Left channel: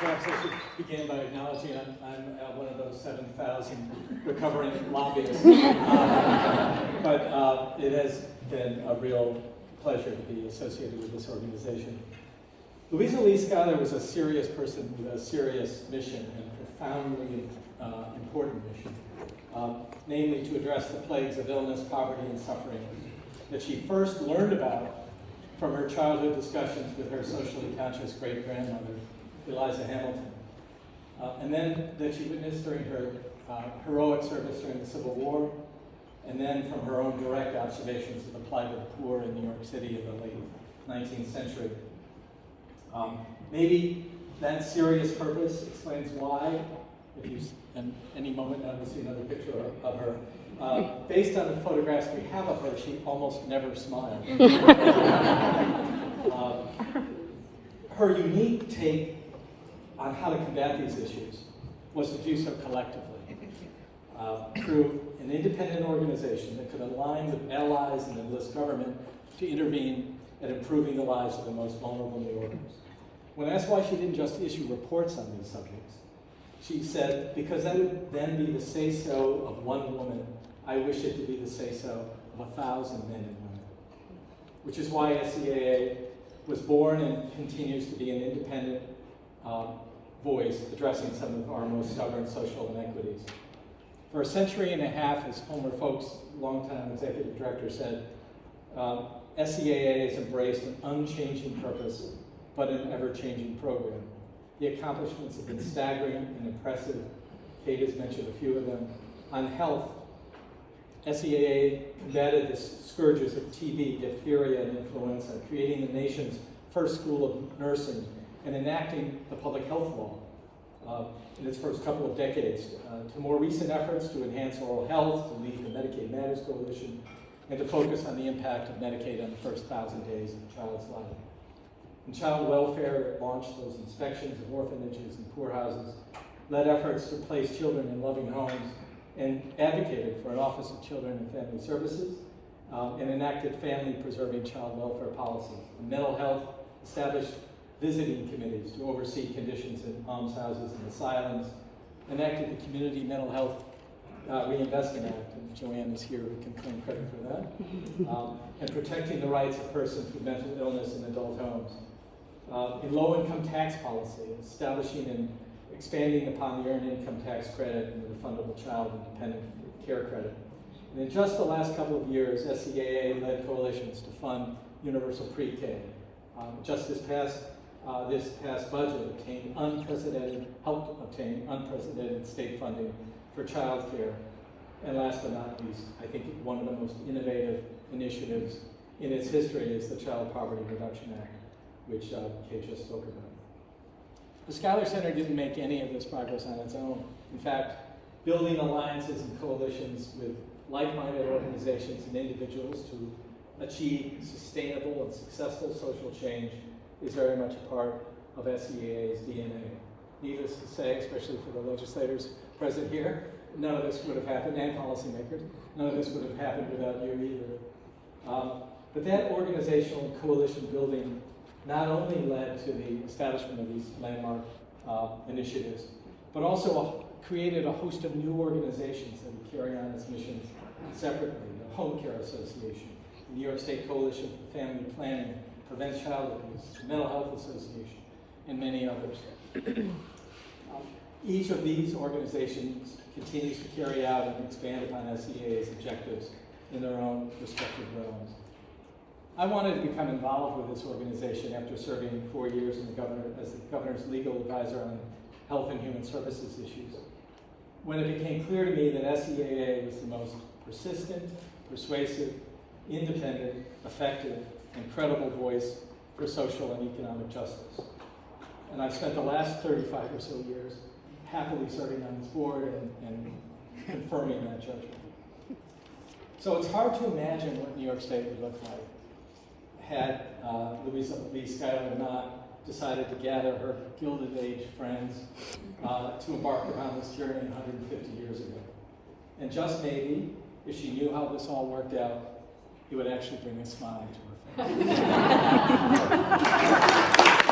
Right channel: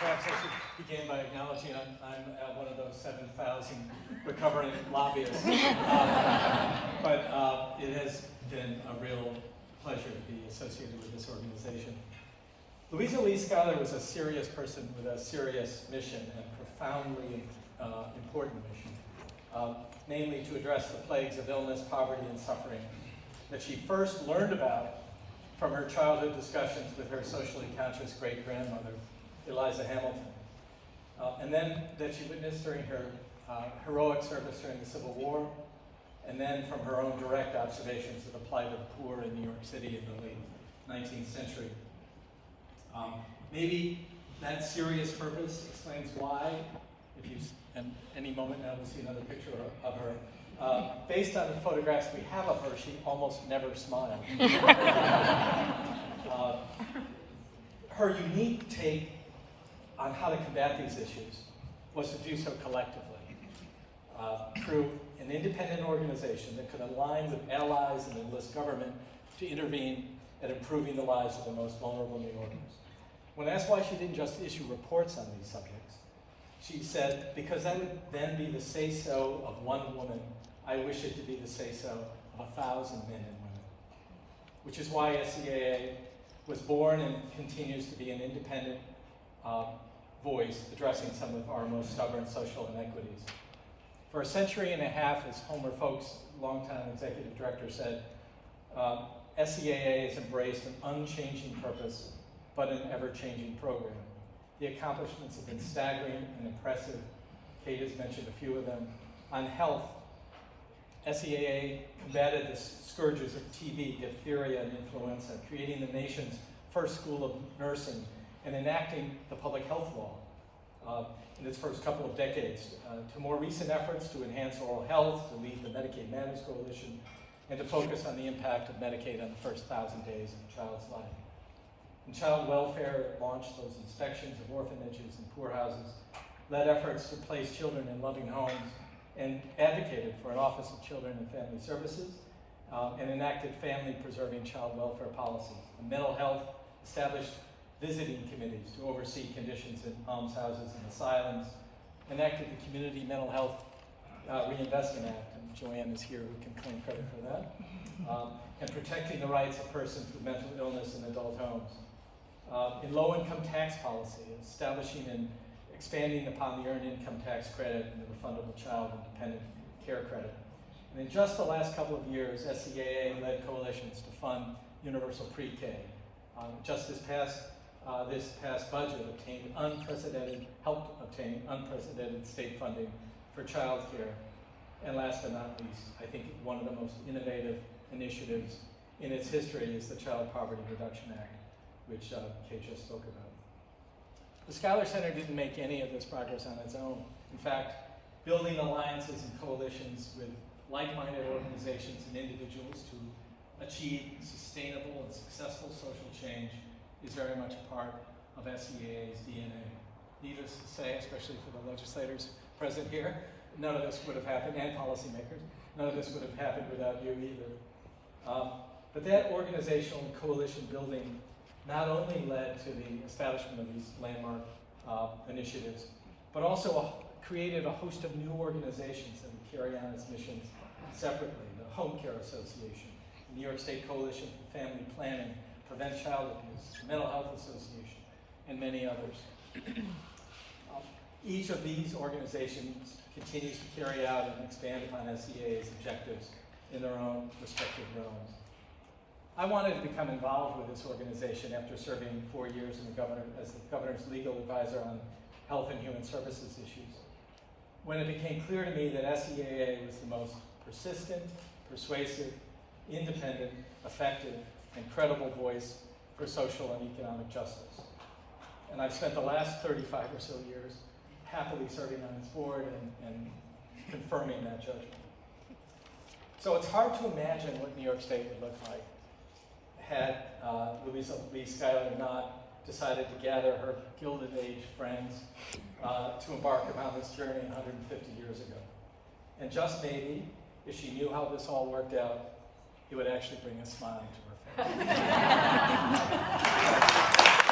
Perhaps I should begin by acknowledging I'm one of those 7,000 recovering lobbyists. But it has been a real pleasure to be associated with this organization. Louisa Lee Schuyler was a serious person with a serious mission and profoundly important mission, namely to address the plagues of illness, poverty, and suffering that she first learned about from her childhood discussions with her socially conscious great-grandmother, Eliza Hamilton, and then that she witnessed during her heroic service during the Civil War, and then from her own direct observations of the plight of the poor in New York City in the late 19th century. Maybe that serious purpose explains why, if you, and any moment now we'll see another picture of her, based on the photographs we have of her, she almost never smiled. Her unique take on how to combat these issues was to do so collectively, through an independent organization that could align with allies and enlist government to intervene at improving the lives of the most vulnerable New Yorkers. When asked why she didn't just issue reports on these subjects, she said, because that would then be the say-so of one woman, I wish it to be the say-so of 1,000 men and women. Which is why SCAA was born and continues to be an independent voice addressing some of our most stubborn social inequities. For a century and a half, as Homer Folks, longtime executive director, said, SCAA has embraced an unchanging purpose, but an ever-changing program. The accomplishments have been staggering and impressive. Kate has mentioned a few of them. On health, SCAA combated the scourges of TB, diphtheria, and influenza, creating the nation's first school of nursing and enacting the public health law in its first couple of decades, to more recent efforts to enhance oral health, to lead the Medicaid Matters Coalition, and to focus on the impact of Medicaid on the first 1,000 days of a child's life. In child welfare, it launched those inspections of orphanages and poorhouses, led efforts to place children in loving homes, and advocated for an Office of Children and Family Services, and enacted family-preserving child welfare policies. In mental health, established visiting committees to oversee conditions in almshouses and asylums, enacted the Community Mental Health Reinvestment Act, and Joanne is here who can claim credit for that, and protecting the rights of persons with mental illness in adult homes. In low-income tax policy, establishing and expanding upon the Earned Income Tax Credit and the Refundable Child and Dependent Care Credit. And in just the last couple of years, SCAA led coalitions to fund universal pre-K. Just this past budget helped obtain unprecedented state funding for child care. And last but not least, I think one of the most innovative initiatives in its history is the Child Poverty Reduction Act, which Kate just spoke about. The Schuyler Center didn't make any of this progress on its own. In fact, building alliances and coalitions with like-minded organizations and individuals to achieve sustainable and successful social change is very much a part of SCAA's DNA. Needless to say, especially for the legislators present here, none of this would have happened, and policymakers, none of this would have happened without you either. But that organizational and coalition building not only led to the establishment of these landmark initiatives, but also created a host of new organizations that would carry on its missions separately. The Home Care Association, the New York State Coalition for Family Planning, Prevent Child Abuse, the Mental Health Association, and many others. Each of these organizations continues to carry out and expand upon SCAA's objectives in their own respective realms. I wanted to become involved with this organization after serving 4 years as the governor's legal advisor on health and human services issues, when it became clear to me that SCAA was the most persistent, persuasive, independent, effective, and credible voice for social and economic justice. And I've spent the last 35 or so years happily serving on this board and confirming that judgment. So it's hard to imagine what New York State would look like had Louisa Lee Schuyler not decided to gather her Gilded Age friends to embark upon this journey 150 years ago. And just maybe, if she knew how this all worked out, it would actually bring a smile to her face.